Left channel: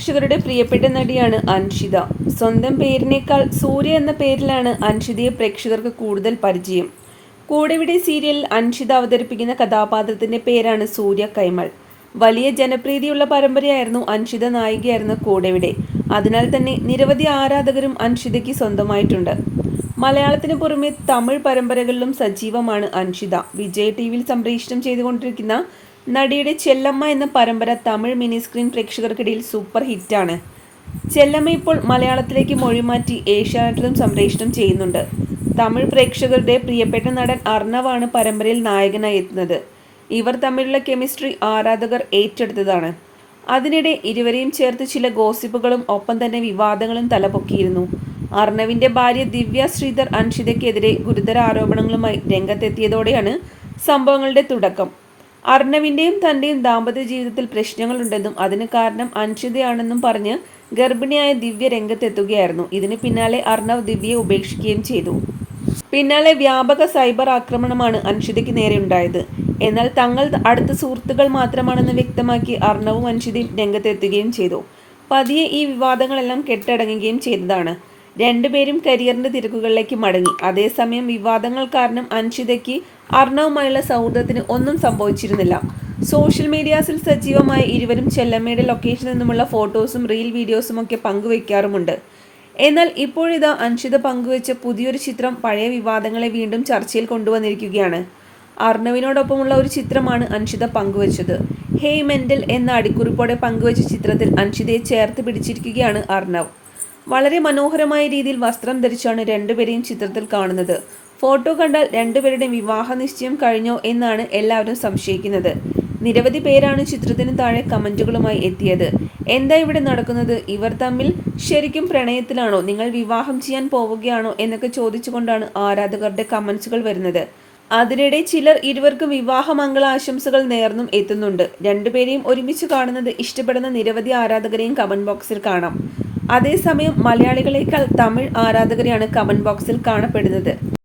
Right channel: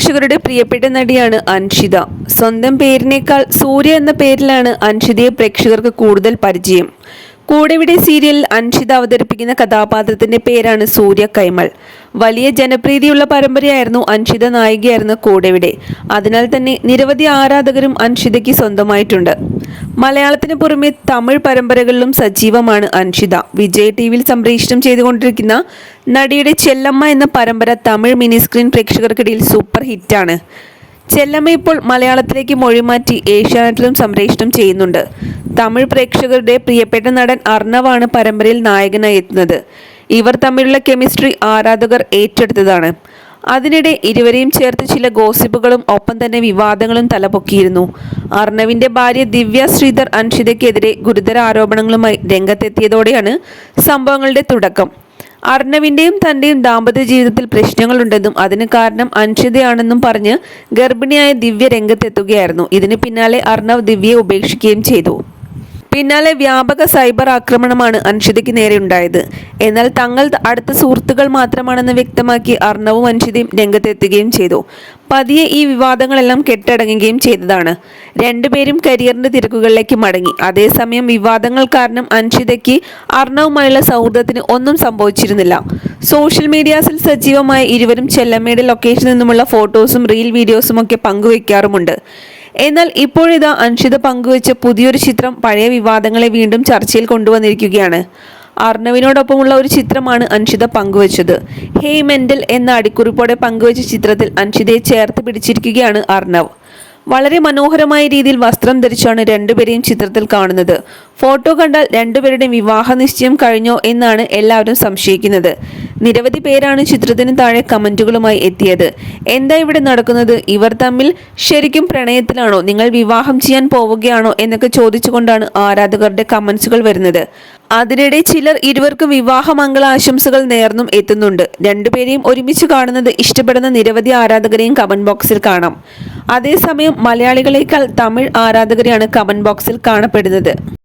പ്രേക്ഷകരുടെ പ്രിയപ്പെട്ട നടിയാണ് അൻഷിത. സ്വന്തം പേരിനേക്കാൾ സൂര്യ എന്ന പേരിലാണ് അൻഷിതയെ പ്രേക്ഷകർക്ക് കൂടുതൽ പരിചയം. കൂടെവിടെ സീരിയലിൽ അൻഷിത അവതരിപ്പിക്കുന്ന കഥാപാത്രത്തിന്റെ പേരാണ് സൂര്യ കൈമൾ. വലിയ ജനപ്രീതിയുള്ള പരമ്പരയായിരുന്നു അൻഷിത നായികയായിരുന്ന കൂടെവിടെ. അതിനാൽ തന്നെ നിരവധി ആരാധകരും അൻഷിതയ്ക്ക് സ്വന്തമായിട്ടുണ്ട്. മലയാളത്തിന് പുറമെ തമിഴ് പരമ്പരകളിലും സജീവമാണ് അൻഷിത. വിജയ് ടി വിയിൽ സംപ്രേഷണം ചെയ്തുകൊണ്ടിരിക്കുന്ന നടിയുടെ ചെല്ലമ്മ എന്ന പരമ്പര തമിഴ് മിനി സ്ക്രീൻ പ്രേക്ഷകർക്കിടയിൽ സൂപ്പർ ഹിറ്റാണ്. ചെല്ലമ്മ ഇപ്പോൾ മലയാളത്തിലേക്ക് മൊഴിമാറ്റി ഏഷ്യാനെറ്റിലും സംപ്രേഷണം ചെയ്യുന്നുണ്ട്. തമിഴ് പ്രേക്ഷകരുടെ പ്രിയപ്പെട്ട നടൻ അർണവാണ് പരമ്പരയിൽ നായകനായി എത്തുന്നത്. ഇവർ തമ്മിലുള്ള കെമിസ്ട്രി ആരാധകർ ഏറ്റെടുത്തതാണ്. അതിനിടെ ഇരുവരെയും ചേർത്ത് ചില ഗോസിപ്പുകളും ഒപ്പം തന്നെ വിവാദങ്ങളും തലപൊക്കിയിരുന്നു. അർണവിന്റെ ഭാര്യ ദിവ്യ ശ്രീധർ അൻഷിതയ്ക്കെതിരെ ഗുരുതര ആരോപണങ്ങളുമായി രംഗത്തെത്തിയതോടെയാണ് സംഭവങ്ങളുടെ തുടക്കം. അർണവിന്റെയും തന്റെയും ദാമ്പത്യ ജീവിതത്തിൽ പ്രശ്നങ്ങളുണ്ടെന്നും അതിന് കാരണം അൻഷിതയാണെന്നും പറഞ്ഞ് ഗർഭിണിയായ ദിവ്യ രംഗത്തെത്തുകയായിരുന്നു. ഇതിന് പിന്നാലെ അർണവ് ദിവ്യയെ ഉപേക്ഷിക്കുകയും ചെയ്തു. പിന്നാലെ വ്യാപക സൈബർ ആക്രമണമാണ് അൻഷിതയ്ക്ക് നേരെ ഉണ്ടായത്. എന്നാൽ തങ്ങൾ അടുത്ത സുഹൃത്തുക്കൾ മാത്രമാണെന്ന് വ്യക്തമാക്കി അർണവും അൻഷിതയും രംഗത്തെത്തുകയും ചെയ്തു. പതിയെ ഈ വിവാദങ്ങളെല്ലാം കെട്ടടങ്ങുകയും ചെയ്തതാണ്. രണ്ടുപേരും കരിയറിന്റെ തിരക്കുകളിലേക്ക് മടങ്ങി. അതേസമയം വിവാദങ്ങൾ കാരണം അൻഷിതയ്ക്ക് അർണവുമായുള്ള സൗഹൃദത്തിന് ഒന്നും സംഭവിച്ചിരുന്നില്ല. സോഷ്യൽ മീഡിയാസിൽ സജീവമായ ഇരുവരും ചെല്ലമ്മയുടെ ലൊക്കേഷനിൽ നിന്നുമുള്ള ഫോട്ടോസും റീൽ വീഡിയോസും ഒക്കെ പങ്കുവയ്ക്കാറുമുണ്ട് എന്നാൽ ഇപ്പോഴിതാ അൻഷിത പങ്കുവച്ച പുതിയൊരു ചിത്രം പഴയ വിവാദങ്ങളെ വീണ്ടും ചർച്ചയിൽ കൊണ്ടുവന്നിരിക്കുകയാണ്. അർണവിനോടൊപ്പമുള്ള ഒരു ചിത്രമാണ് അൻഷിത പങ്കുവച്ചത്. ഹേ മെന്റൽ എന്ന അടിക്കുറിപ്പോടെ പങ്കുവച്ച ചിത്രത്തിൽ അൻഷിതയെ ചേർത്ത് പിടിച്ചിരിക്കുകയാണ് അർണവ്. വളരെ മനോഹരമായ രീതിയിൽ വസ്ത്രം ധരിച്ചാണ് രണ്ടുപേരെയും ചിത്രത്തിൽ കാണുന്നത്. ഫോട്ടോ കണ്ടാൽ രണ്ടുപേരുടെയും വിവാഹ നിശ്ചയം കഴിഞ്ഞോ എന്നാണ് എല്ലാവരും സംശയിക്കുന്നത്. നിരവധി പേരാണ് ചിത്രത്തിന് താഴെ കമന്റുകളുമായി എത്തിയത്. എന്താ ഇവിടെ നടക്കുന്നത്? ഇവർ തമ്മിൽ ശരിക്കും പ്രണയത്തിലാണോ? നിങ്ങൾ വിവാഹം ചെയ്യാൻ പോവുകയാണോ എന്നൊക്കെ ചോദിച്ചുകൊണ്ടാണ് ആരാധകരുടെ കമന്റ്സുകൾ വരുന്നത്. അതിനിടെ ചിലർ ഇരുവർക്കും വിവാഹ മംഗളാശംസകൾ നേർന്നും എത്തുന്നുണ്ട്. രണ്ടുപേരെയും ഒരുമിച്ച് കാണുന്നത് ഇഷ്ടപ്പെടുന്ന നിരവധി ആരാധകരെയും കമന്റ് ബോക്സിൽ കാണാം. അതേസമയം മലയാളികളെക്കാൾ തമിഴ് ആരാധകരെയാണ് കമന്റ് ബോക്സിൽ കാണപ്പെടുന്നത്.